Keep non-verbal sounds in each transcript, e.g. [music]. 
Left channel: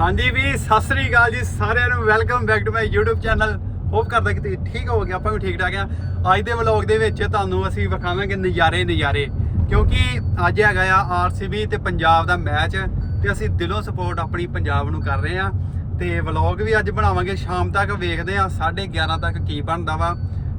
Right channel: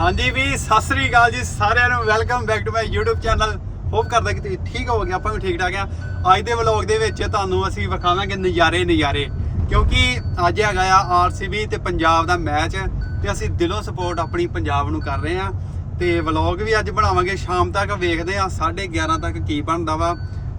ਹਾਂਜੀ ਵੀ ਸਤਿ ਸ੍ਰੀ ਅਕਾਲ ਜੀ ਸਾਰਿਆਂ ਨੂੰ। Welcome back to my YouTube channel hope ਕਰਦਾ ਕਿ ਤੁਸੀਂ ਠੀਕ ਹੋਵੋਗੇ, ਆਪਾਂ ਵੀ ਠੀਕ ਠਾਕ ਆ। ਅੱਜ ਦੇ ਵਲੌਗ ਦੇ ਵਿੱਚ ਤੁਹਾਨੂੰ ਅਸੀਂ ਵਿਖਾਵਾਂਗੇ ਨਜ਼ਾਰੇ ਨਜ਼ਾਰੇ। ਕਿਉਂਕਿ ਅੱਜ ਹੈਗਾ ਆ RCB ਤੇ ਪੰਜਾਬ ਦਾ ਮੈਚ ਤੇ ਅਸੀਂ ਦਿਲੋਂ ਸਪੋਰਟ ਆਪਣੀ ਪੰਜਾਬ ਨੂੰ ਕਰ ਰਹੇ ਆ। ਤੇ ਵਲੌਗ ਵੀ ਅੱਜ ਬਣਾਵਾਂਗੇ। ਸ਼ਾਮ ਤੱਕ ਵੇਖਦੇ ਆ 11:30 ਤੱਕ ਕੀ ਬਣਦਾ ਵਾ।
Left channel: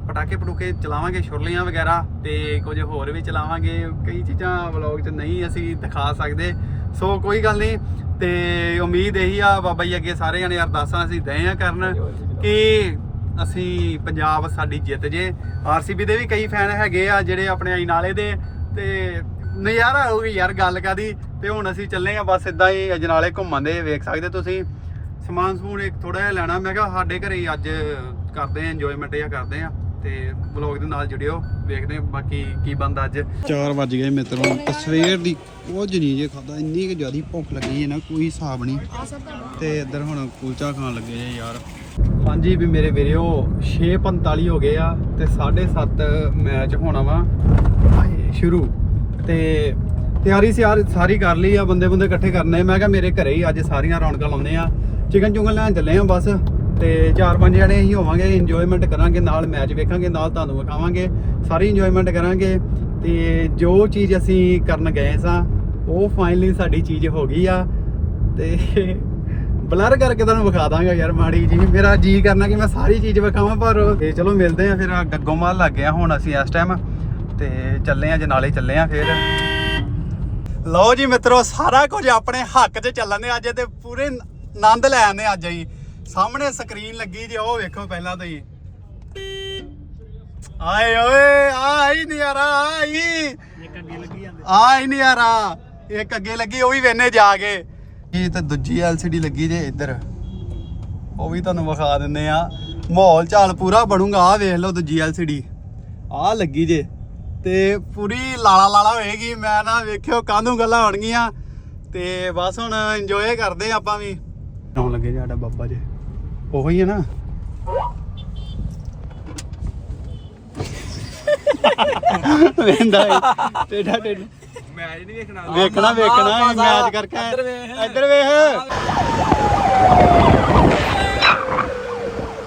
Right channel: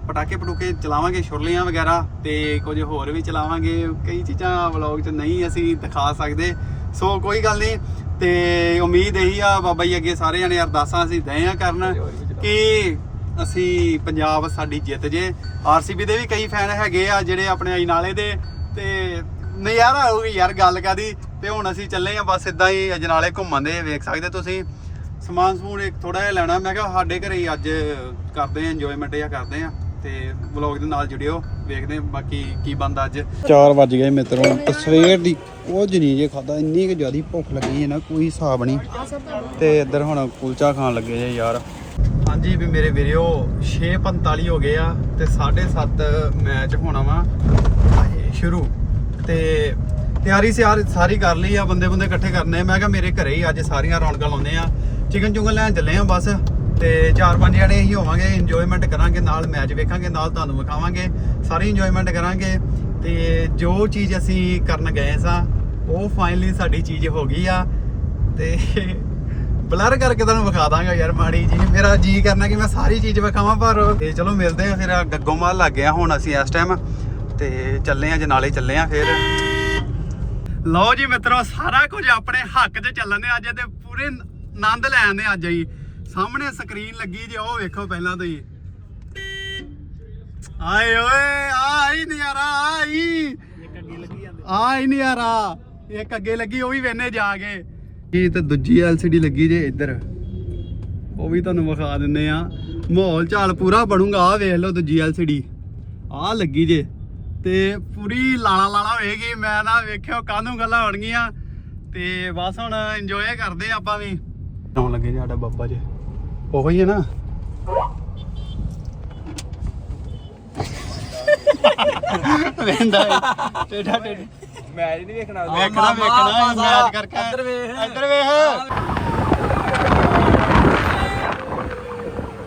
ਪਟਾਕੇ ਪਟੂਕੇ ਚਲਾਵਾਂਗੇ, ਛੁਰਲੀਆਂ ਵਗੈਰਾ। ਤੇ ਕੁਝ ਹੋਰ ਵੀ ਚਲਾਵਾਂਗੇ। ਕਈ ਚੀਜ਼ਾਂ ਵਲੌਗ 'ਚ ਨਹੀਂ ਅਸੀਂ ਦਿਖਾ ਸਕਦੇ। ਸੋ ਕੋਈ ਗੱਲ ਨਹੀਂ। ਤੇ ਉਮੀਦ ਇਹੀ ਆ, ਬਾਬਾ ਜੀ ਅੱਗੇ ਸਾਰੇ ਜਣੇ ਅਰਦਾਸਾਂ ਅਸੀਂ ਦਏ ਆ ਕਰਨ ਕਿ ਅਸੀਂ ਪੰਜਾਬ ਸਾਡੀ ਜਿੱਤ ਜੇ। ਆਰਸੀਬੀ ਦੇ ਵੀ ਕਈ ਫੈਨ ਹੈਗੇ ਆ ਜਿਹੜੇ ਆਪਣੇ ਅਜਨਾਲੇ ਦੇ ਤੇ ਨਜ਼ਾਰਾ ਆਊਗੀ ਯਾਰ ਗੱਲ ਕਾਦੀ ਤੇ ਹੁਣ ਅਸੀਂ ਚੱਲੇ ਆ, ਬਸ ਇਦਾਂ ਹੀ ਅਜਨਾਲੇ ਘੁੰਮਣ ਦੇ, ਵੇਖ ਸਕਦੇ ਤੁਸੀਂ। ਸਮਾਨ ਸਮੂਨ ਇੱਕ ਥੋੜਾ ਜਿਹਾ ਲੈਣਾ, ਮੈਂ ਕਿਹਾ ਸਾਡੇ ਘਰੇ ਹੀ ਅੱਜ ਕਰਦੇ ਆ ਇੰਜੋਇਮੈਂਟ ਜਾਂ ਕਰਦੇ ਆ। ਤੇ ਵਲੌਗ ਦੇ ਨਾਲ ਜੁੜਿਓ। ਦੇਖਦੇ ਆ ਬਾਕੀ ਕੀ ਬੰਦਾ ਅੱਜ। 4 ਵੱਜ ਗਏ ਮਿੱਤਰੋ ਤਸਵੀਰ ਦੀ ਕੁਝ ਨਹੀਂ ਜੇ ਖਾਦਾ ਇੰਨੀ ਕਿ ਜ਼ਿਆਦੀ ਭੁੱਖ ਲੱਗੀ ਹੈ ਨਾ, ਕੋਈ ਹਿਸਾਬ ਨਹੀਂ। ਤੇ ਇੱਧਰ ਹੁਣ ਕੁਲਚਾ ਖਾਣ ਲੱਗੇ ਜੇ ਯਾਰ। ਹਾਂਜੀ ਵੀ ਮੇਰੇ ਵੀਰਿਓ 6:45 ਹੋ ਗਏ ਆ ਤੇ 7:30 ਮੈਚ ਹੋਣਾ ਵਾ। ਸ਼ੁਰੂ। ਤੇ ਤਿਆਰੀ ਸਿਆਰ ਸਾਰੀ ਕਰ ਲਈ ਆ ਬੰਦੇ ਬੰਦੇ ਇਕੱਠੇ ਕਰਨੇ। ਮੈਂ ਕਿਹਾ ਮੇਰੇ ਘਰੇ ਹੀ ਅੱਜ ਸਾਰੀਆਂ ਰੌਣਕਾਂ ਲਾਉਂਦੇ ਆ। ਚਿਕਨ ਚੁਗਨ ਲੈਣ ਚੱਲੇ ਆ ਬਸ। ਤੇ ਚਾਰ ਪੰਜ ਜਣੇ ਅਸੀਂ ਹੋਵਾਂਗੇ ਇੰਜੋਇਮੈਂਟ ਕਰਾਂਗੇ, ਨਾਲ ਮੈਚ ਵੇਖਾਂਗੇ, ਨਾਲ ਤੁਹਾਨੂੰ ਵਿਖਾਵਾਂਗੇ, ਸਾਰੀ ਇੰਜੋਇਮੈਂਟ ਕਰਾਂਗੇ। ਤੇ ਜੋ ਚੀਜ਼ ਅਸੀਂ ਕਰਨ ਗਏ ਸਾਂ, ਉਹ ਫਾਈਨਲੀ ਸਾਡੀ ਚੀਜ਼ ਹੋ ਗਈ ਆ। ਤੇ ਬਲਰ ਕਰਕੇ ਤੁਹਾਨੂੰ ਵਿਖਾ ਦਾਂਗਾ ਯਾਰ ਮਾੜੀ ਜੀ ਮੇਰਾ ਜੀ ਕਰਨਾ ਕਿ ਮੈਂ ਸਾਰੀ ਚੀਜ਼ ਵਿਖਾਵਾਂ, ਪਰ ਤੇ ਚਲੋ ਮਿਲਦੇ ਆ ਫਿਰ। ਗੱਗੋ ਮਾਲ ਲੱਗ ਗਿਆ ਹੁਣ ਅਸੀਂ ਇਸ ਟਾਈਮ ਤੇ ਚੱਲੇ ਆ ਜਨਾਲੇ ਚੱਲੇ ਆ ਫਿਰ। ਲਓ ਜੀ ਮਿੱਤਰੋ, ਸਾਰਾ ਕੁਝ ਆਪਣੇ ਹੱਕ 'ਚ ਚੱਲਣ ਦੇ ਅੱਜ ਤੇ ਪੂਰੇ ਆਨੰਦ ਲੈ ਆਂਦੇ ਅੱਜ ਹੀ ਸਾਹਮਣੇ ਸਕਰੀਨ ਲੱਗੀ ਜੀ ਉਹ ਵੇਖੋ ਪਹਿਲਾਂ ਤੋਂ ਹੀ। ਆਏ ਓਏ ਆਈ ਨਜ਼ਾਰਾ ਆਈ ਆਈ ਨਜ਼ਾਰਾ ਇੱਕ ਅੱਗੇ ਲੱਗੀ ਉਹ ਵੀ ਵੇਨੇ ਜਾ ਕੇ। ਇਹ ਤੇ ਦੂਜੀ LCD ਲੱਗੀ ਜੇ ਇੱਧਰ। ਉਹ ਵੀ ਤੁਹਾਨੂੰ ਵਿਖਾ ਦਿੰਦੇ ਆ। ਮਾਹੌਲ ਚਾਲ ਪੂਰਾ ਬਣੂਗਾ ਆ ਵੇਖ ਲਓ ਦੂਜੀ LCD ਆ ਲੱਗੀ ਜੇ। ਤੇ ਪੂਰੀ ਲਾਲਾ ਲਾਲਾ ਹੋਏਗੀ ਮੈਂ ਨਾ ਵੇਖਿਓ ਕਾਹਨੂੰ ਗੱਲਾਂ ਹੋਣਗੀਆਂ। ਤੇ ਬਸ ਹੁਣ ਇੰਜੋਏ ਕਰਦੇ ਆਪਾਂ ਵੀ। ਕਿਉਂ ਲੱਗੇ ਸਾਡਾ ਬਾਬਾ ਜੀ? ਉਹੋ ਹੀ ਹੈ ਨਾ। ਵੇਂਦਾ ਟੇਡਾ ਟੇਡਾ ਮੈਚ ਨਹੀਂ ਵੇਖਣਾ। ਵੇਖਣਾ ਵੇਖਣਾ ਮੈਚ ਕਰਕੇ। ਇੱਧਰ ਵੇਖ। ਇੱਧਰ ਵੇਖ।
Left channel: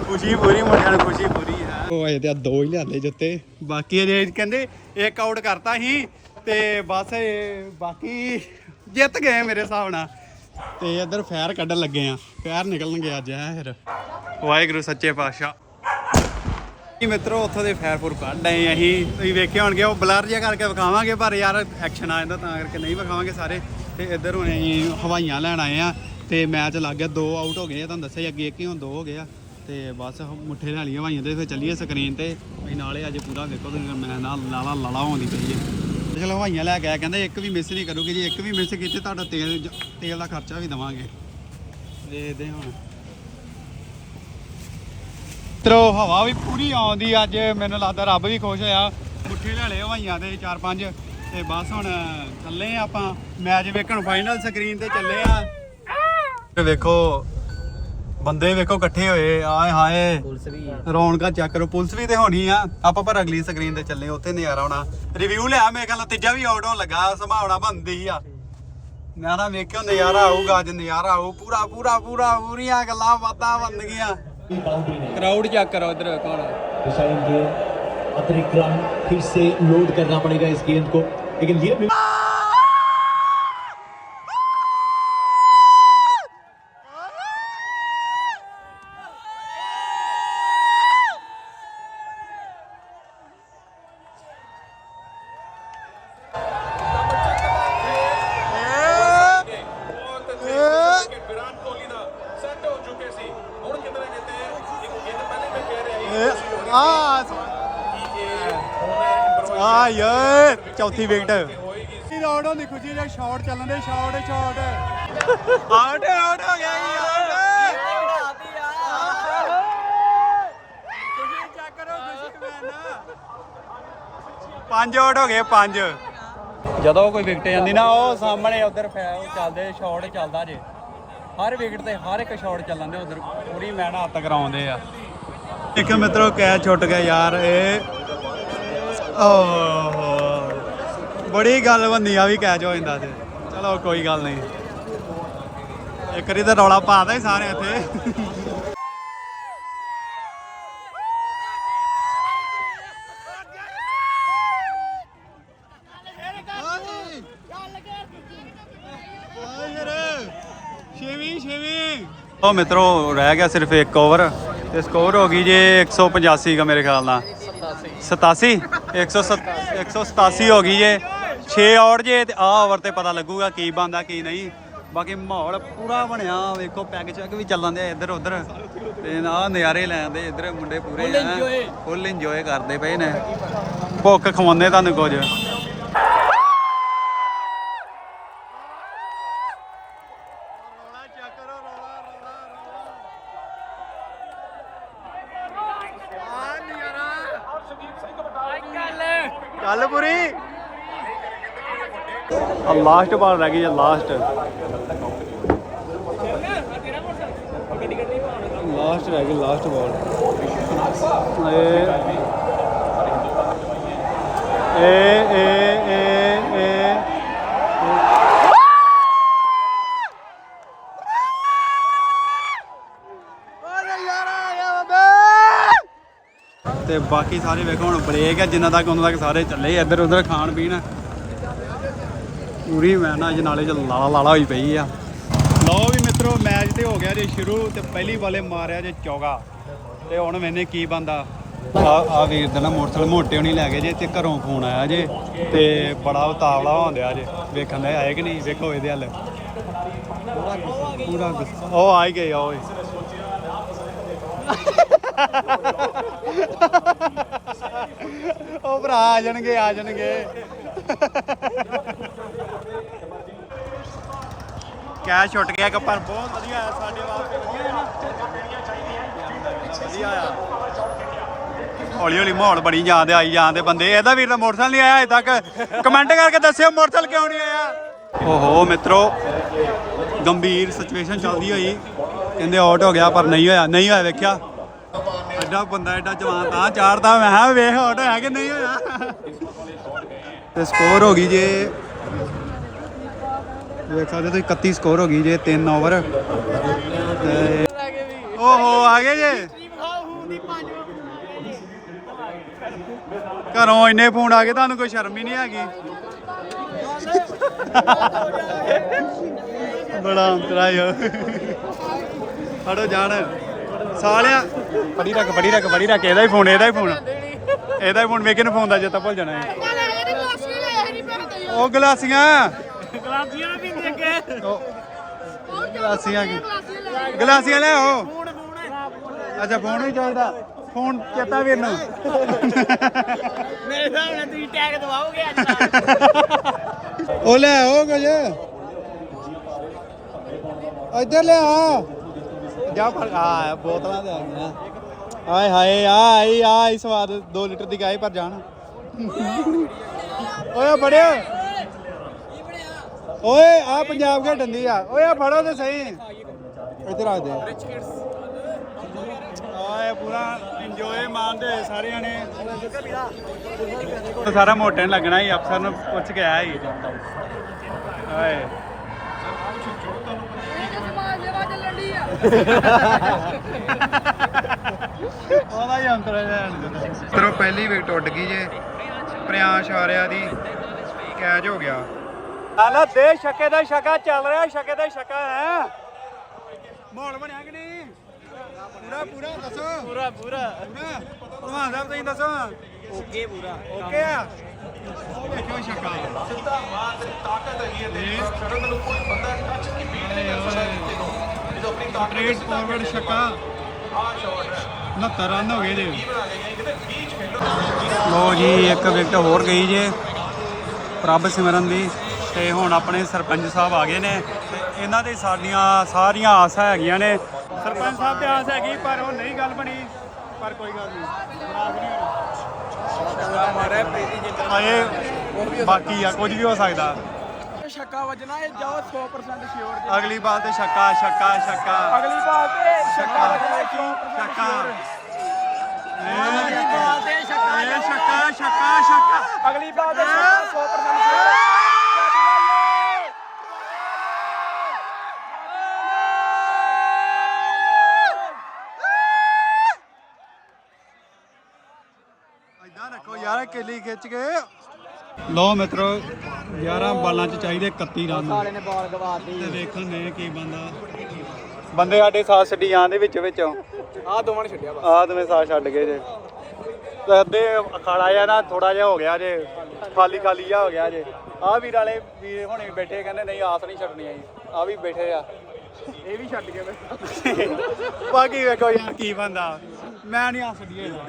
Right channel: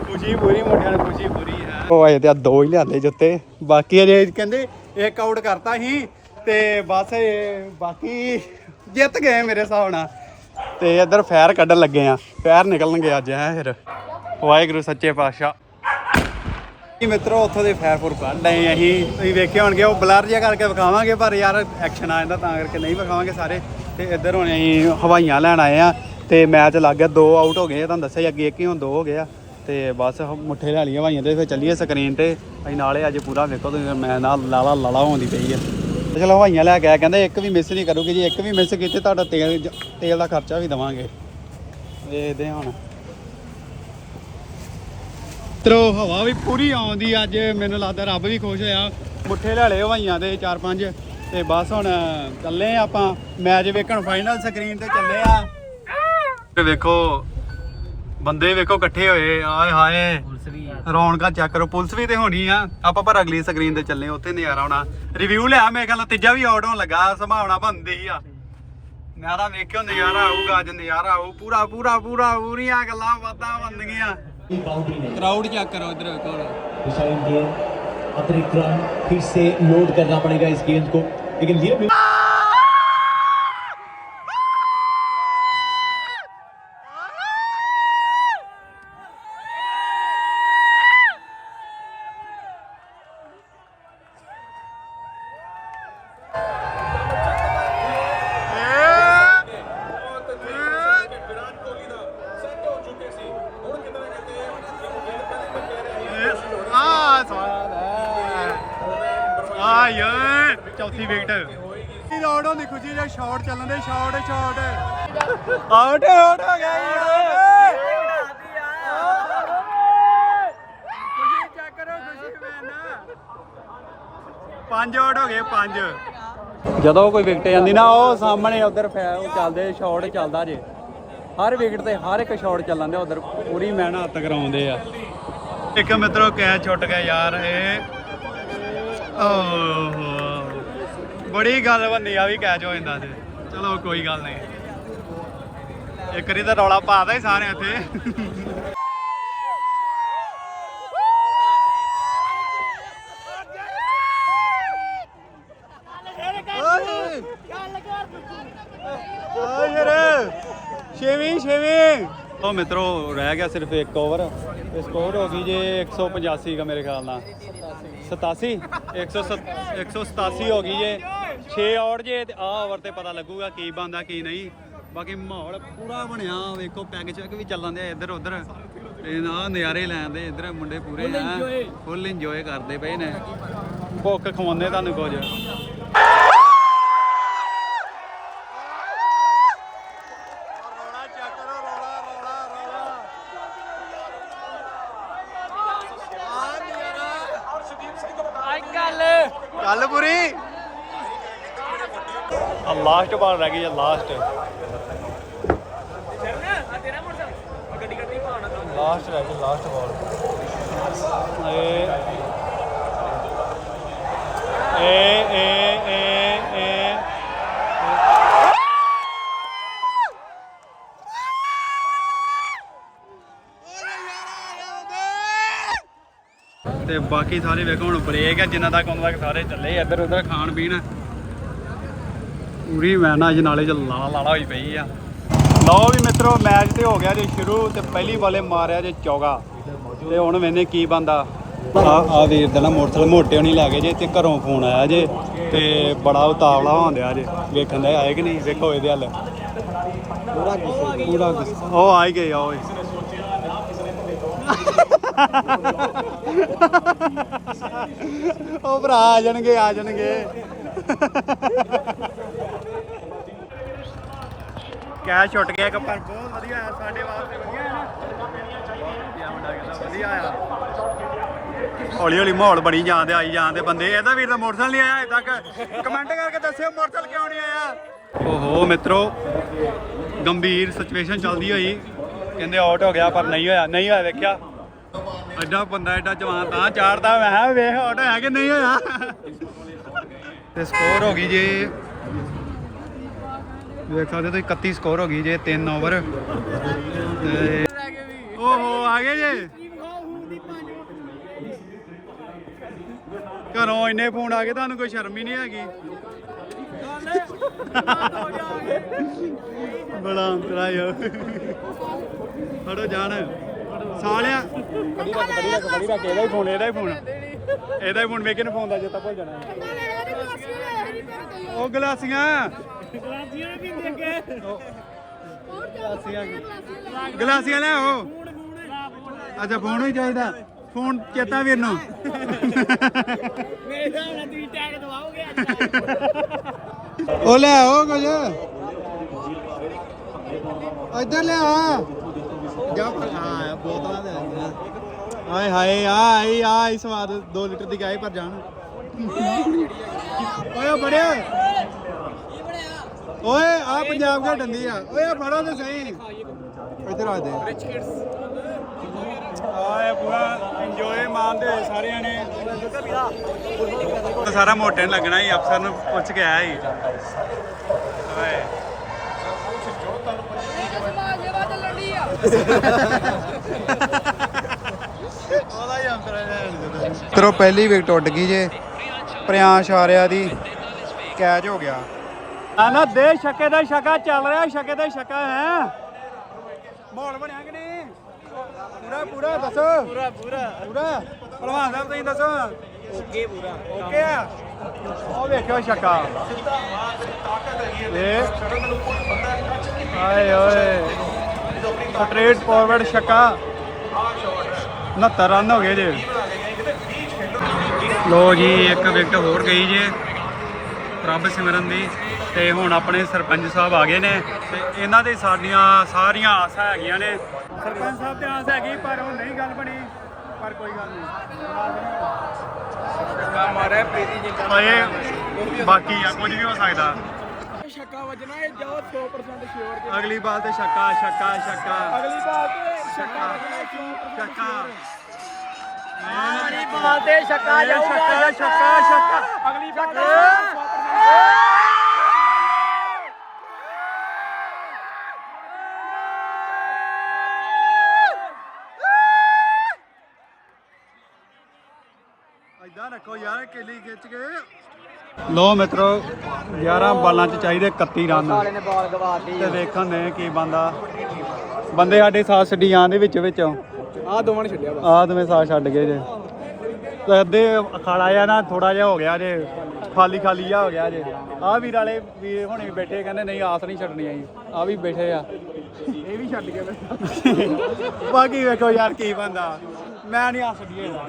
ਖੁਸ਼ੀ ਪੂਰੀ ਮੁੰਡਿਆਂ ਨੂੰ ਖੁਸ਼ੀ ਪੂਰੀ। ਉਹ ਆਏ ਤੇ ਆ ਦੋ ਹੀ ਲਿਆਂਦੇ ਜੁੱਤੇ। ਬਾਕੀ ਅਜੇ ਕਹਿੰਦੇ ਇੱਕ ਆਊਟ ਕਰਤਾ ਸੀ ਤੇ ਬਸ ਇਹ ਬਾਕੀ ਜਿੱਤ ਗਏ ਮੇਰੇ ਹਿਸਾਬ ਨਾਲ। ਤੇ ਇੱਧਰ ਫੈਰ ਕੱਢਣ ਲੱਗੇ ਆ। ਫੈਰ ਨਿਕਲਣਗੇ ਅੱਜ, ਹੈ ਫਿਰ। ਵਾਹਿਗੁਰੂ, ਸੱਚੇ ਪਾਤਸ਼ਾਹ। ਜੀ ਮਿੱਤਰੋ, ਉੱਥੋਂ ਦੇ ਫੈਰ ਫੁਰ ਕੱਢ ਆਏ ਅਸੀਂ। ਤੁਸੀਂ ਵੇਖੇ ਹੋਣਗੇ, ਉਹ ਬਲਰ ਜਿਹਾ ਕਰਕੇ ਵਿਖਾਵਾਂਗੇ, ਪਰ ਯਾਰ ਐਕਸ਼ਨ ਆ ਜਾਂਦਾ ਤਾਂ ਕਰਕੇ ਨਹੀਂ ਵਿਖਾਵਾਂਗੇ ਸਾਰੇ। ਤੇ ਇੱਧਰ ਹੁਣ ਅਸੀਂ ਹਵਾਈਆਂ ਲੈਣ ਆਏ ਆ, ਤੇ ਮੈਚ ਲੱਗ ਗਿਆ, ਦੋ ਆਊਟ ਹੋ ਗਏ ਤੁਹਾਨੂੰ ਦੱਸਿਆ ਹੀ ਅੱਗੇ ਇੱਕ ਹੀ ਹੁਣ ਦੋ ਹੋ ਗਏ ਆ। ਤੇ ਬਸ ਮੁੱਠੇ ਲੈ ਲਈਆਂ ਹਵਾਈਆਂ ਤੇ, ਫਿਰ ਚੱਲੀਏ ਸਕਰੀਨ ਤੇ। ਅਸੀਂ ਨਾਲੇ ਅੱਜ ਪੂਰਾ ਵੇਖੋ ਤੁਸੀਂ, ਮੈਂ ਨਾਲ ਲਾਲਾ ਲਾਲਾ ਹੁੰਦੀ ਪਈ ਹੈ ਚਲੋ ਹਵਾਈਆਂ ਲੈ ਕੇ ਆਇਆ, ਕਹਿੰਦੇ ਇੱਕ ਵੀ ਮਿਸ ਨਹੀਂ ਕਰੂਗੀ ਜੇ, ਇੱਕ ਵੀ ਮਿਸ ਕੀਤੀ, ਤੁਹਾਡਾ ਤੇਲ ਜ- ਤੇਲ ਦਾ ਖਰਚਾ ਵੀ ਦਵਾਂਗੇ। ਦੇਖਦੇ ਹਾਂ ਹੁਣ। ਮਿੱਤਰੋ, ਹਵਾ ਵੀ ਪੂਰੀ ਆਉਂਦੀ ਅੱਜ, ਮੈਨੂੰ ਲੱਗਦਾ ਰੱਬ ਵੀ ਖੁਸ਼ ਹੋਇਆ। ਮੁੱਠੇ ਲੈ ਲਏ ਹਵਾਈਆਂ ਦੇ ਚਾਰ ਪੰਜ, ਤੇ ਬਸ ਹੁਣ ਚੱਲੇ ਆਪਾਂ। ਮੈਚ ਵੇਖਣ ਫਾਈਨਲ ਸਕਰੀਨ ਤੇ ਚੱਲੇ ਆ। ਤੇ ਵੇਖੋ ਬੰਦੇ ਵੇਖੋ ਇਕੱਠੇ ਹੋਏ ਆਏ ਹਾਏ ਪੁਲਿਸ ਵੀ ਰੌਣਕਾਂ ਚੈੱਕ ਕਰੋ ਪੁਲਿਸ ਵੀ ਤੇ ਹੋਣੀ ਆ ਆਪਾਂ ਪਰ ਅਗਲੀ ਸਕਰੀਨ ਤੇ ਚੱਲੇ ਉੱਥੇ ਨਜ਼ਾਰਾ ਆਉਣਾ ਰਿਵਿਊ ਲਿਆ ਮੇਰੇ ਖਿਆਲ ਨਾਲ ਤੀਜਾ ਵੀ ਆਊਟ ਹੋਣ ਲੱਗਾ ਸੰਭਾਵਨਾ ਬਣਦੀ ਆ ਮੈਂ ਤਾਂ ਵੇਖਿਓ ਨਜ਼ਾਰਾ ਆਊਗਾ ਅੱਜ ਨਜ਼ਾਰਾ ਆਊ ਪੂਰਾ ਪੂਰਾ ਪੂਰਾ ਪੂਰੀਆਂ ਗੱਲਾਂ ਬਾਤਾਂ ਬਣਨਗੀਆਂ बाउंड्री ने ਕਰਾਊਡ ਚੈੱਕ ਕਰੋ ਇਧਰ ਕੌਣ डिसाइड गेंद अतिरिक्त रन फिर से लोड करना पड़ेगा इस गेंद को लेकिन ਹੋਣੀ ਆ ਚੌਥੀ ਵਿਕਟ ਇਹ ਆਊਟ ਹੁੰਦੀ ਖੁਸ਼ੀ ਦੇ ਸ਼ਾਟ ਚੱਲਣ ਦੇ ਸ਼ਾਟ ਸ਼ਾਟ ਆਊਟ ਆਊਟ ਹੋ ਗਿਆ ਜੀ ਆਊਟ ਖੁਸ਼ੀ ਚੈੱਕ ਕਰੋ ਖੁਸ਼ੀ ਮੈਨ ਪੰਜ ਆਊਟ ਹੋ ਗਏ ਪੰਜ ਜਦੋਂ ਕੋਈ ਵਿਕਟ ਜਾਂਦੀ ਨਾ, ਉਹ ਸਾਹਮਣੇ ਉਧਰ ਫੈਲ ਚੱਲਦੇ ਸ਼ਾਟ ਚੱਲਦਾ ਜੇ। ਹਰ ਵਿਕਟ ਤੇ ਹਰ ਇੱਕ ਸ਼ਾਟ ਚੱਲਣ ਦੇ, ਉਧਰ ਪੂਰੀ ਮਿਹਨਤ ਕਰਾਉਂਦੇ ਆ। ਇੱਕ ਮਿੱਤਰੋ ਕੈਚ ਛੁੱਟ ਗਿਆ ਯਾਰ ਇਹ ਓਹੋ। ਬੜੀ ਗੱਲ ਬੰਦੀ ਆ ਵੀ ਕੈਚ ਹੋ ਜਾਂਦਾ ਤੇ ਚਲੋ ਕੋਈ ਗੱਲ ਨਹੀਂ। ਇੱਕ ਵਾਰੀ ਤਾਂ ਰੌਲਾ ਪਾਦਾ ਹੀ ਸਾਰੇ ਇੱਥੇ। ਛੇਵੀਂ ਛੇਵੀਂ ਉਹ ਮਿੱਤਰੋ ਰਹਿ ਗਿਆ ਸਿਰਫ ਇੱਕ ਓਵਰ। ਤੇ ਸਕੋਰ ਹੋ ਗਈ ਜੇ 185 ਦਾ ਮੇਰੇ ਖਿਆਲ ਨਾਲ। 87 187 ਹੋ ਗਈ ਜੇ। 6 ਆਊਟ ਜੇ ਤੇ ਆ ਓਵਰ ਤੇ ਪਤਾ ਲੱਗੂਗਾ ਕੀ ਬੰਦਾ ਕੀ ਨਹੀਂ। ਬਾਕੀ ਮਾਹੌਲ ਪੂਰਾ ਬਣਿਆ ਵੇਖੋ ਪੈਗ ਚੈੱਕ ਵੀ ਚੱਲਣ ਦੇ ਇੱਧਰ ਉੱਧਰ। ਤੇ ਨਾ ਨਜ਼ਾਰੇ ਲੈਂਦੇ ਇੱਧਰ ਮੁੰਡੇ ਪੂਰੇ ਆ ਫੁੱਲ ਇੰਜੋਏ ਕਰਦੇ ਪਏ ਨੇ। ਭੁੱਖ ਖਵਾਉਂਦੇ ਤੁਹਾਨੂੰ ਕੁਝ ਰੌਲਾ ਚੱਕ ਕਰੋ ਰੌਲਾ ਰੌਲਾ ਰੌਲਾ ਆ ਨਜ਼ਾਰਾ ਚੱਲ ਪੂਰੀ ਆ ਲਾਸਟ ਬਾਲ ਰਹਿ ਗਈ ਆ ਲਾਸਟ। ਲਾਸਟ ਰਹਿ ਗਈ, ਲਾਸਟ ਬਾਲ ਏ ਏ ਏ ਏ ਤੇ ਬਾਕੀ ਸਾਰੇ ਵੇਖੋ, ਹੁਣ ਬ੍ਰੇਕ ਹੈ, ਜਿੰਨਾ ਤੱਕ ਉਹਨਾਂ ਤੱਕ ਸਾਰੇ ਚੱਲੇ ਇੱਧਰ ਉੱਧਰ ਖਾਣ ਪੀਣ ਪੂਰੀ ਮੈਨ ਅੱਜ ਨਾਲੇ ਚ ਲਾਲਾ ਲਾਲਾ ਹੋਈ ਪਈ ਆ। ਲਓ ਵੀ ਮਿੱਤਰੋ, ਮੈਚ ਤੇ ਹੋ ਗਿਆ ਜੇ ਸ਼ੁਰੂ, ਤੇ ਪਹਿਲੀ ਬਾਲੇ ਮਾਰਿਆ ਜੇ ਚੌਗਾ। ਤੇ ਹੁਣ ਮੈਨੇ ਕੀ ਬੰਦਾ ਆ ਵੀਰ ਦਾ ਨਾ ਮੋਟਰਸਾਈਕਲ ਮੋਟੇ ਹੋਣੀ ਲੈ ਗਏ ਜੇ, ਤੇ ਘਰੋਂ ਫੋਨ ਆਇਆ ਜੇ, ਤੇ ਬੜਾ ਉਤਾਵਲਾ ਹੋਂਦਿਆ ਜੇ। ਵੇਖਣ ਦਾ ਆਏ ਕਿ ਨਹੀਂ, ਵੇਖੋ ਇਹਦੇ ਹੱਲ। ਪੂਰਾ ਗੁੱਸੇ। ਪੂਰਾ ਗੁੱਸੇ ਉਹ ਆਈ ਗਏ, ਉਹ ਉਹ ਭਰਾ ਆ ਜਾਣਗੇ ਆ ਜਾਣਗੇ। ਕੈਚ ਛੁੱਟ ਗਿਆ ਕੱਪਨ। ਬਹੁਤ ਵਧੀਆ ਹੈ ਸਾਡੇ ਵਾਸਤੇ ਵਧੀਆ ਹੈ ਨਾ। ਇਹ ਮੁੰਡਾ ਕਹਿੰਦਾ ਵਧੀਆ ਆ। ਹੌਲੀ ਹੌਲੀ ਮਾਹੌਲ ਬਣੀ ਜਾਂਦੇ ਆਈ ਜਾਂਦੇ ਬੰਦੇ। ਇਹਦਾ ਵੀਰ ਦਾ ਮੋਟਰਸਾਈਕਲ ਨਹੀਂ ਆਇਆ ਅਜੇ ਤੱਕ। ਕਮੈਂਟ ਕਰਕੇ ਦੱਸਿਓ ਮੋਟਰਸਾਈਕਲ ਕਿਉਂ ਨਹੀਂ ਆਇਆ। ਓਹੋ ਮਿੱਤਰੋ ਗੰਭੀਰ ਸਿਚੁਏਸ਼ਨ ਚੱਲਦੀ ਹੋਈ। ਕਹਿੰਦੇ ਆਊਟ ਹੋ ਗਿਆ ਪਰ ਨਹੀਂ ਹੋਇਆ ਨਹੀਂ ਹੋਇਆ ਵੇਖਿਆ। ਐਡਾ ਬੰਦਾ ਐਡਾ ਜਵਾਨ ਤਾਂ ਚਾਰਦਾ ਮੈਂ ਕਿਹਾ ਵੇਖ ਆਊਟ ਹੋਇਆ ਕਿ ਨਹੀਂ ਹੋਇਆ। ਤੇ ਸਕੋਰ ਹੋ ਗਈ ਜੇ। ਦੇਖ ਸਕਦੇ ਤੁਸੀਂ 31 ਸਕੋਰ ਹੋ ਗਈ ਜੇ 3 ਓਵਰ। ਤੇ ਓਹੋ ਆ ਗਏ ਜੇ। ਘਰੋਂ ਇੰਨੇ ਫੋਨ ਆ ਗਏ ਤੁਹਾਨੂੰ ਕੋਈ ਸ਼ਰਮ ਹੀ ਨਹੀਂ ਹੈਗੀ। ਬੜਾ ਅੰਤਰਾ ਯੋ ਫੜੋ ਜਾਣ। ਸਾਲਿਆ। ਬੜੀ ਰੱਖ ਬੜੀ ਰੱਖ ਬੜੀ ਰੱਖ ਇਹਦਾ ਹੀ ਫੋਨ ਇਹਦਾ ਹੀ ਫੋਨ। ਇਹਦਾ ਹੀ ਫੋਨ ਵੇਖੇ ਨੂੰ ਫੋਨ ਦਾ ਚੇਤਾ ਭੁੱਲ ਜਾਣਾ। ਹੈ ਉਹ ਗਲਾਸੀਆਂ। ਗਲਾਸੀਆਂ ਵੀ ਦੇ ਕੇ ਉਹ ਗਲਾਸੀਆਂ ਗਲਾਸੀਆਂ ਲੈ ਆਓ। ਅੱਛਾ ਫੋਨ ਹੀ ਚਾਹੀਦਾ। ਫੋਨ ਚੇਤਾ ਵੀਰ ਨੂੰ ਮੇਰੇ ਹਿਸਾਬ ਨਾਲ ਤੁਸੀਂ ਟੈਗ ਦਵਾਓਗੇ ਅੱਜ ਉਹ ਲੈ ਆਓ ਕੁਝ। ਇੱਧਰ ਲੈ ਆ। ਜਾ ਫੜ। ਆ ਬੋਤਲਾਂ ਦੇ ਆ। ਆਏ ਹਾਏ ਆ ਆਈ ਸਵਾਦ 2 ਲੀਟਰ ਦੀ ਗਾਈ ਪਰ ਜਾਣ। ਓਏ ਬੜਿਆ ਓਏ ਆ ਪੰਜਾਬ ਘਾ ਡੰਦੀ ਆ। ਓਏ ਆ ਫੜੋ ਤੇ ਸਹੀ। ਇੱਧਰ ਆ ਦੇ ਆਏ ਪੂਰਾ ਇੰਜੋਏ ਮਾਣਦੇ ਹੋਏ ਸਾਰਿਆਂ ਨੇ। ਸਾਰਾ ਮੋਟੇ ਨੂੰ ਲੱਗਣਾ ਹੀ ਅਫਸਰ ਨੂੰ ਪੁੱਛ ਕੇ ਆਇਆ [laughs] ਹੀ ਆਏ ਤਰੋ ਪਹਿਲੀ ਵਿਕਟ ਉੱਡ ਗਈ ਜੇ। ਪ੍ਰਿਆਂਸ਼ ਆਰਿਆ ਦੀ ਕੈਚ ਹੋ ਗਿਆ। ਨਾ ਦੇ ਸ਼ੱਕੇ ਦਾ ਸ਼ੱਕਾ ਚੱਲ ਰਿਹਾ ਸ਼ੱਕੇ ਦਾ ਸ਼ੱਕਾ ਹੈ। ਮਾਹੌਲ ਬਣਿਆ ਕਿ ਨਹੀਂ? ਪੂਰਾ ਪੂਰਾ ਦੱਸੋ। ਪੂਰਾ ਪੂਰਾ। ਪੂਰਾ। ਭਲਵਾਨ ਸਾਹਿਬ ਤੁਸੀਂ ਦੱਸੋ। ਓਕੇ ਪੂਰਾ। ਓਕੇ ਆ। ਉਹ ਵੇਖਿਓ ਸ਼ੱਕਾ। ਸਿੱਧਾ ਮਾਰ ਤੇ ਤਾਕਤ ਹੈਗੀ ਹੈ ਦੇਖ ਸ਼ਟਲ ਮੈਨੂੰ ਕੋਈ ਬੰਦਾ ਟੱਚ ਕੀਤੀ। ਆਏ ਓਏ ਜਦੋਂ ਆਪਣੀ ਸਟ੍ਰੇਟ ਫਾਰਵਰਡ ਛੱਕਾ ਆ ਸ਼ਾਟ ਹੈ। 69 ਰਨ ਹੋ ਗਏ ਜੇ ਬਣਾ ਕੇ ਗਏ ਕਿਤੇ ਬੀਚ ਖੇਡੋ ਲੋ ਜੀ ਇੱਕ ਵਿਕਟ ਹੋਰ ਗਈ ਜੇ। ਪ੍ਰਭ ਸਿਮਰਨ ਦੀ। ਤੇ ਹੁਣ ਆਪਣੇ ਸਰਪੰਚ ਸਾਹਿਬ ਆ ਗਏ ਨੇ। ਤੇ ਇਹਨਾਂ ਦੇ ਸਾਡੀਆਂ ਸਾਰੀਆਂ ਆਸਾਂ ਹੈਗੀਆਂ ਨੇ। ਸਰਪੰਚ ਸਾਹਿਬ ਤੇ ਆਸ ਹੈਗੀ ਪਰ ਉਹ ਨਹੀਂ ਗੱਲ ਬਣੀ। ਪਰ ਕੋਈ ਗੱਲ ਨਹੀਂ। ਨਾਰਾਜ਼ ਨਹੀਂ ਹੋਣਾ। ਮਾਰਾ ਪ੍ਰੀਤੀ ਜਿੰਦਾ ਹਾਏ ਬਾਕੀ ਆ ਕੁਝ ਵੀ ਹੋ ਸਕਦਾ। ਛੱਕਾ ਵੱਜਣਾ ਇਹ ਜਾਓ 100% ਸ਼ੋਰ ਅਗਲੀ ਬਾਲ ਤੇ ਛੱਕਾ ਛੱਕਾ ਛੱਕਾ। ਅਗਲੀ ਬਾਲ ਤੇ ਛੱਕਾ ਛੱਕਾ। ਵਾਲੀ ਬਾਲ ਤੇ ਛੱਕਾ ਜਾਊਗਾ ਛੱਕਾ ਛੱਕਾ। ਅਗਲੀ ਬਾਲ ਤੇ ਰੱਖੋ ਯਾਰ ਕਿੱਲੀ ਖਿੱਚ ਕੇ। ਲੋ ਮਿੱਤਰੋ 11 ਬਾਲਾਂ ਚ ਚਾਹੀਦੇ 31 ਰਨ। ਸਾਲੇ ਨੇ ਬਾਲ ਗਵਾਤੀ ਤੇ ਦੇਖਣ ਨੇ ਕੀ ਬੰਦਾ। ਬੰਦੇ ਸਾਡੇ ਸਾਥ ਛੱਡੀ ਜਾਂਦੇ ਵਿੱਚ ਵਿੱਚੋਂ ਆ ਦੋਵਾਂ ਨੇ ਛੱਡਿਆ ਆਹ ਦੋਵੇਂ ਸਾਥ ਛੱਡ ਗਏ ਜੇ। ਤੇ ਅੱਧੇ ਖਾਣਾ ਜਿਹਾ ਨਾ ਥੋੜਾ ਜਿਹਾ ਹੋ ਗਿਆ ਜੇ। ਖਾਲੀ ਖਾਲੀ ਜਿਹਾ ਹੋ ਗਿਆ ਜੀ। ਆਹ ਵੀ ਨਾਲੇ ਵੀ ਹੁਣ ਵੀ ਬੈਠੇ ਕਹਿੰਦੇ ਨਹੀਂ ਆਸ ਨਹੀਂ ਛੱਡਣੀ ਆ ਵੀ ਬੈਠੇ ਆ। ਬਾਕੀ ਵੇਖੋ ਯਾਰ ਕੀ ਬੰਦਾ। ਮੈਂ ਨਹੀਂ ਆਸ ਛੱਡੀ ਇਹਦਾ।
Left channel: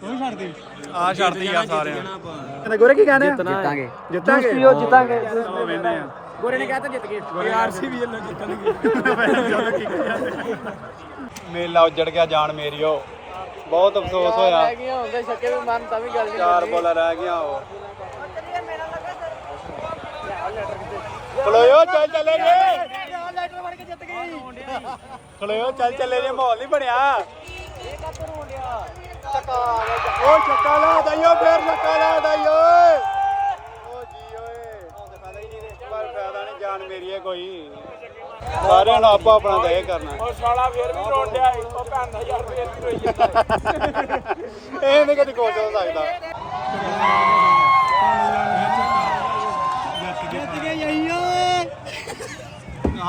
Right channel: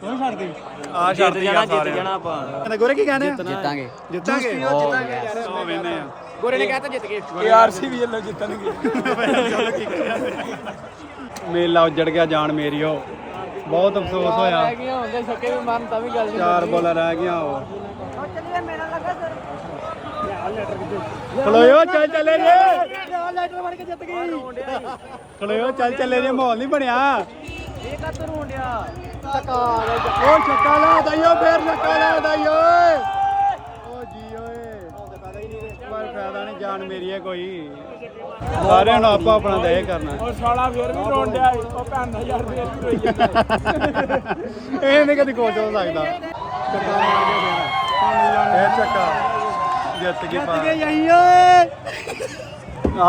ਤੂੰ ਛੱਡਦੀ ਆ ਛੱਡਦੀ ਆ ਸਾਰੇ ਕਹਿੰਦੇ ਗੋਰੇ ਕੀ ਕਹਿੰਦੇ ਜਿੱਤਾਂਗੇ। ਜਿੱਤਾਂਗੇ। ਜਿੱਤਾਂਗੇ। ਯਾਰ ਉਹ ਵੇਨੇ ਆ। ਗੋਰੇ ਨੇ ਕਹਿਤਾ ਜਿੱਤ ਗਏ। ਆਰਸੀਬੀ ਵੱਲੋਂ ਜਿੱਤਣਗੇ ਮੇਲਾ ਉੱਜੜ ਗਿਆ ਜਾਨ ਮੇਰੀ ਉਹ। ਬਹੁਤ ਅਫਸੋਸ ਹੋਇਆ। ਚਾਰ ਬੋਲ ਰਹਿ ਗਿਆ ਖਲੋਇਓ ਚੱਲ ਚੱਲੇ ਜੇ। ਖਲੋਇਓ ਚੱਲ ਚੱਲੇ ਜੇ ਮਾਹੌਲ ਨਹੀਂ ਬਣਿਆ ਦਈਓ ਫੇਰ ਨਿਕਾਲਿਓ ਦਈਓ ਜਾਨ ਮੇਰੀ ਹੈ ਕੋਈ ਨੂੰ ਆਪਾ ਆਪਣਾ ਦੇ ਕਰਨਾ। ਉਹ ਸਾਲਾ ਵੀਰ ਨੂੰ ਰੋਣ ਡਿਆ ਏ। ਉਹ ਜਿੱਤ ਹੋਈ ਜਾਂਦਾ ਇਹ ਨਹੀਂ ਕਦੀ ਕੋਈ ਲੱਗਦਾ ਇਹ ਚੱਕਾ ਜਿੱਤ ਗਈ ਜਿੱਤ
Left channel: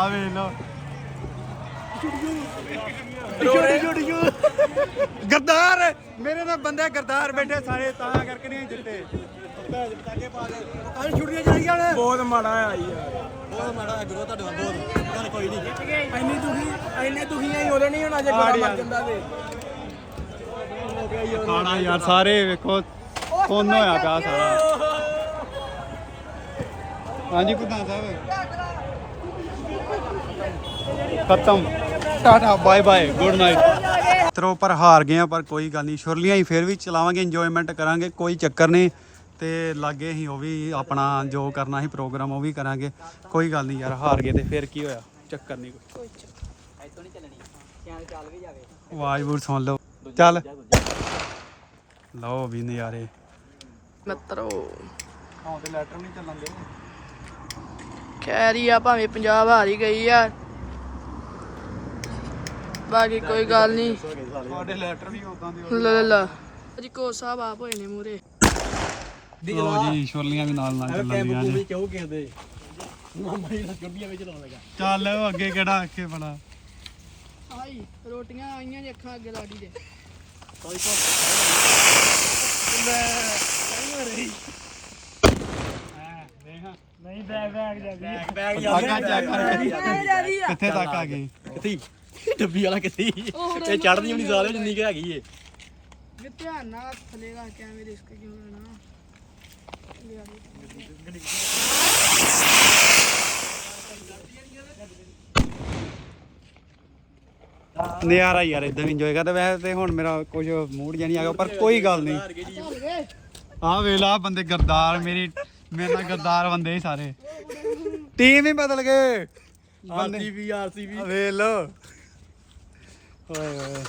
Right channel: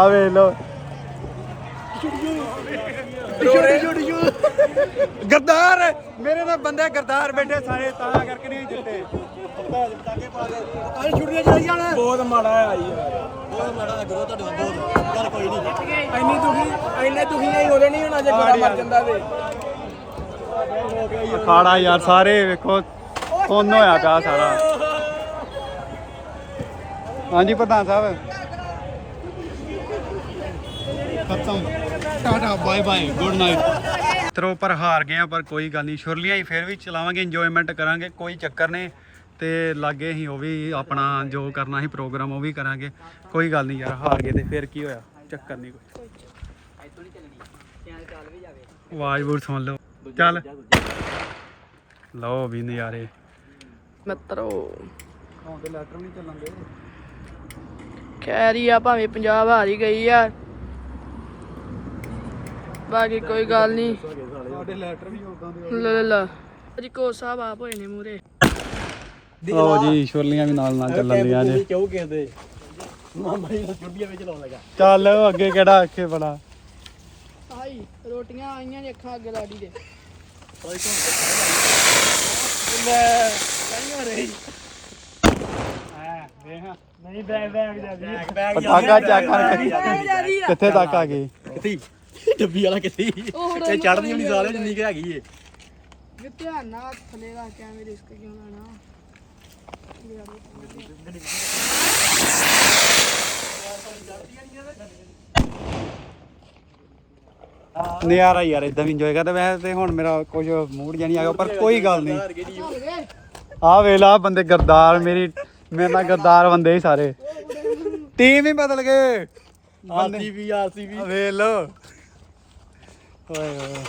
ਗਈ ਵੇ ਗਰਦਾਰ ਮੇਰੇ ਨਾਲ ਬੰਦੇ ਗਰਦਾਰ ਬੈਠੇ ਸਾਰੇ ਤਾਂ ਕਰਕੇ ਨਹੀਂ ਜਿੱਤੇ। ਕੱਲ ਛੁੱਟੀਆਂ ਚਲੀ ਜਾਣਾ ਬਹੁਤ ਮਾੜਾ ਆ ਯਾਰ ਬਹੁਤ ਮਾੜਾ ਗਰੋ ਤੁਹਾਡੇ ਨਾਲ ਬਹੁਤ। ਚੱਲ ਕੋਈ ਨਹੀਂ। ਇੰਨੀ ਦੁਖੀ ਇੰਨੇ ਦੁਖੀ ਨਹੀਂ ਉਹਦੇ ਨਹੀਂ ਹੋਣਾ ਜੇ ਗੋਰਾ ਮਰ ਜਾਂਦਾ ਤੇ ਖਾਣਾ ਯਾਰ ਸਾਰੇ ਵੇਖੋ ਕੋਨ ਹੋਇਆ ਪਿਆ ਸਾਰਾ। ਹਾਂਜੀ ਪ੍ਰਧਾਨ ਸਾਹਿਬ। ਖਤਮ। Tata bye bye good night ਤਰੋ ਪਰ ਹਾਰ ਗਏ ਆ ਪਰ ਕੋਈ ਗੱਲ ਨਹੀਂ। ਸ਼ੁਰਲੀਆਂ ਹੀ ਫੇਰ ਵੀ ਚਲਾਵਾਂਗੇ ਇੰਜੋਇਮੈਂਟ ਕਰਾਂਗੇ ਕੋਈ ਚੱਕਰ ਨਹੀਂ। ਤੇ ਲਾਗੇ ਹੀ ਉਹ ਵੀ ਆਪਣਾ ਜੋ ਕਰਨਾ ਸੀ ਪ੍ਰੋਗਰਾਮ ਉਹ ਵੀ ਕਰਾਂਗੇ। ਕੋਈ ਗੱਲ ਨਹੀਂ ਯਾਰ ਹਾਰ ਗਏ ਤੇ ਫੇਰ ਕੀ ਹੋਇਆ? ਚੱਕਰ ਨਹੀਂ ਕੋਈ। ਆਵਾਜ਼ ਬੂਰ ਸੁਣ ਲਓ। ਚੱਲ। ਲਓ ਵੀ ਨਜ਼ਾਰੇ। ਮਿੱਤਰੋ। ਹਾਂ ਤੇ ਲੈਟਰ ਨਹੀਂ ਚੱਲਣਗੇ ਖੈਰ ਹੀ ਆ ਭਾਵੇਂ ਪੰਜਾਬ ਹਾਰ ਹੀ ਗਈ ਆ। ਬਾਕੀ ਕੋਈ ਗੱਲ ਨਹੀਂ। ਸਾਡੇ ਲੈਟਰ ਵੀ ਉਦਾਂ ਦੇ ਲਾ ਲਾ ਲਾ। ਜੀ ਕੋ ਸਾਹਿਬ ਆਪ ਹੋਏ ਨੇ ਮੂਰੇ ਲਓ ਜੀ ਛੋਲੀਆਂ ਵੀ ਨਾਲ ਨਾਲ ਚੱਲਣਗੀਆਂ ਜੀ। ਕਿਉਂ ਕਹਿੰਦੇ ਮਾਮਾ ਜੀ ਛੁੱਟੀਆਂ ਵਿੱਚ ਲਾਉਣ ਲੱਗਾ। ਚੱਲ ਅੱਗੇ ਕਿਹੜਾ ਅੱਖੇ ਬੜਾ ਹਾਈ ਰੋਟੀਆਂ ਆਈਆਂ ਨੇ ਅੱਖਾਂ ਅੱਗੇ ਲਾਡੀ ਦੇ। ਨਹੀਂ ਬੈਗ ਬੈਗ ਜਾ ਪਟਾਕਾ ਚੱਕ ਕਿੱਥੇ ਤੱਕ ਆ ਗਏ ਕਿੱਥੇ? [laughs] ਡੱਬੀ ਵਾਲਾ ਕਿੱਥੇ ਇਹ ਚੜਦੀ ਨਹੀਂ ਸਾਲੇ ਜਿੰਨੀ ਕਿ ਹੈਗੀ ਏ। ਵੀ ਧਿਆਨ ਨਾਲ ਥੱਲੇ ਰੱਖ ਕੇ ਐਵੇਂ ਰਿਸਕ ਕਿਉਂ ਲੈਣਾ। ਨਜ਼ਾਰਾ ਯਾਰ ਇਦਾਂ ਇੰਜੋਏ ਕਰਦਾ। ਵੈਸੇ ਤੇ ਹੁਣ ਮੇਰਾ ਕੁਝ ਮੂਡ ਜਿਹਾ ਨਹੀਂ ਆ ਗਿਆ ਪਰ ਕੋਈ ਗੱਲ ਨਹੀਂ। ਆ ਵੇਲਾ ਬੰਦੇ ਗਰਦਾਰ ਮੇਰੀ ਮੇਰੇ ਨਾਲ ਗਰਦਾਰ ਬੰਦੇ ਹੀ ਸਾਰੇ। ਟੀਮ ਹੀ ਬਦਲ ਗਏ। ਆਰਸੀਬੀ ਆਰਸੀਬੀ ਆ ਵੇਖ ਲੋ ਓਏ ਓਏ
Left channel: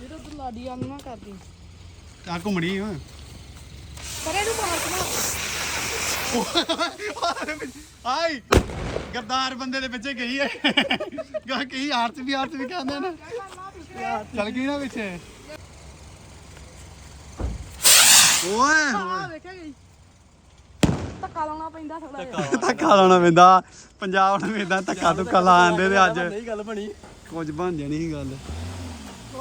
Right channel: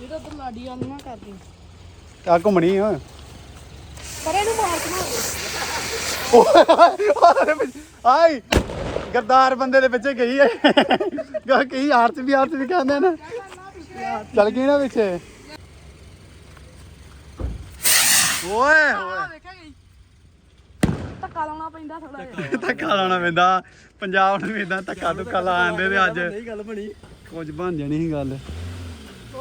ਇਹ ਤਾਂ ਤੂੰ ਲਾਡੀ ਆ ਨਾ ਕਰਦੀ। ਆ ਘੁੰਮਣੀ ਓ ਪਰ ਇਹਨੂੰ ਮਾਰ ਕੇ ਮਾਰ ਆਈ। ਗਰਦਾਰ ਬੰਦੇ ਦੇ ਪਿੱਛੇ ਗਈ ਹੈ ਗਾ ਕੀ ਆਰਤ ਵੀ ਆਰਤ ਵੀ ਕਹਿੰਦੇ ਨਾ। ਚੱਲ ਗਈ ਨਾ ਪਿੱਛੇ। ਓਏ ਗਈ ਧੱਕਾ ਲਾਉਣਾ ਪੈਂਦਾ ਥੋੜਾ ਜਿਹਾ। ਧੱਕਾ ਲਾਉਣਾ ਪੈਂਦਾ। ਪੰਜਾਬ ਨੂੰ ਇਦਾਂ ਧੱਕਾ ਧੁੱਕਾ ਲਾਉਂਦੇ ਤੇ ਅੱਜ। ਨਹੀਂ ਗੱਲ ਬਣੀ। ਕੁਝ ਬਣ ਜਾਣੀ ਸੀ ਗੱਲ।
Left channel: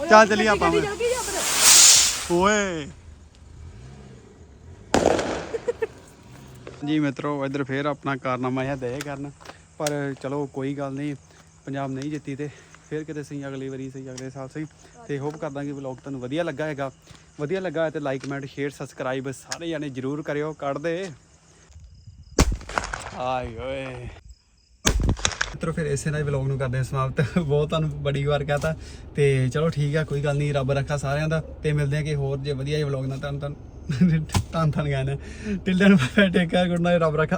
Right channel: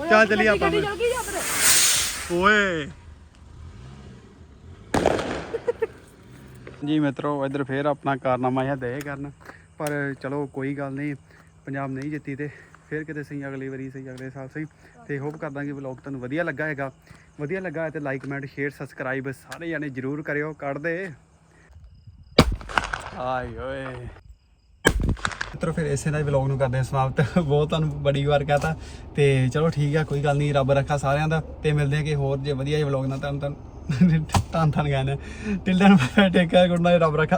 ਚੱਲ ਆਪਾਂ ਚੱਲ ਜਾਂ ਫਿਰ ਓਏ। ਜੀ ਮਿੱਤਰੋ ਇੱਧਰ ਫੇਰ ਆਪਣਾ ਕਾਰਨਾਮਾ ਇਹ ਦੇ ਕਰਨ। ਪਰ ਚਲੋ ਕੋਈ ਗੱਲ ਨਹੀਂ। ਪੰਜਾਬ ਨਹੀਂ ਜਿੱਤੀ ਤੇ ਫੇਰ ਕਿਤੇ ਸਹੀ ਅਗਲੀ ਵਾਰੀ ਸਹੀ ਅਗਲੇ ਸਾਲ ਸਹੀ। ਤੇ ਹੋਪ ਕਰਦਾ ਕਿ ਵਲੌਗ ਤੁਹਾਨੂੰ ਵਧੀਆ ਲੱਗਾ ਹੈਗਾ। ਵਧੀਆ ਲੱਗਾ ਹੈ ਤੇ ਲਾਈਕ ਕਮੈਂਟ ਸ਼ੇਅਰ ਸਬਸਕ੍ਰਾਈਬ ਸਾਰੇ ਜਾਣੇ ਜਰੂਰ ਕਰਿਓ। ਕੱਢ ਦੇ। ਆਏ ਓਏ। ਮਿੱਤਰੋ ਫਿਰ ਇਸੇ ਨਾਲ ਵਲੌਗ ਨੂੰ ਕਰਦੇ ਹਾਂ ਸਮਾਪਤ। ਬਹੁਤ ਤੁਹਾਨੂੰ ਬੜੀ ਵਾਰ ਕਹਤਾ। ਤੇ ਚਲੋ ਠੀਕ ਆ, ਕੋਈ ਗੱਲ ਨਹੀਂ, ਰੱਬ ਰੱਖਾ ਸਾਰਿਆਂ ਦਾ। ਤੇ ਮਿਲਦੇ ਆ ਕਿ ਹੋਰ ਜੇ ਵਧੀਆ ਜਿਹੇ ਵਲੌਗ ਨਾਲ। ਤੁਹਾਨੂੰ ਤੁਹਾਨੂੰ ਤਾਂ ਤਾਂ ਗਾਣਾ till then take care good night ਰੱਬ ਰੱਖਾ।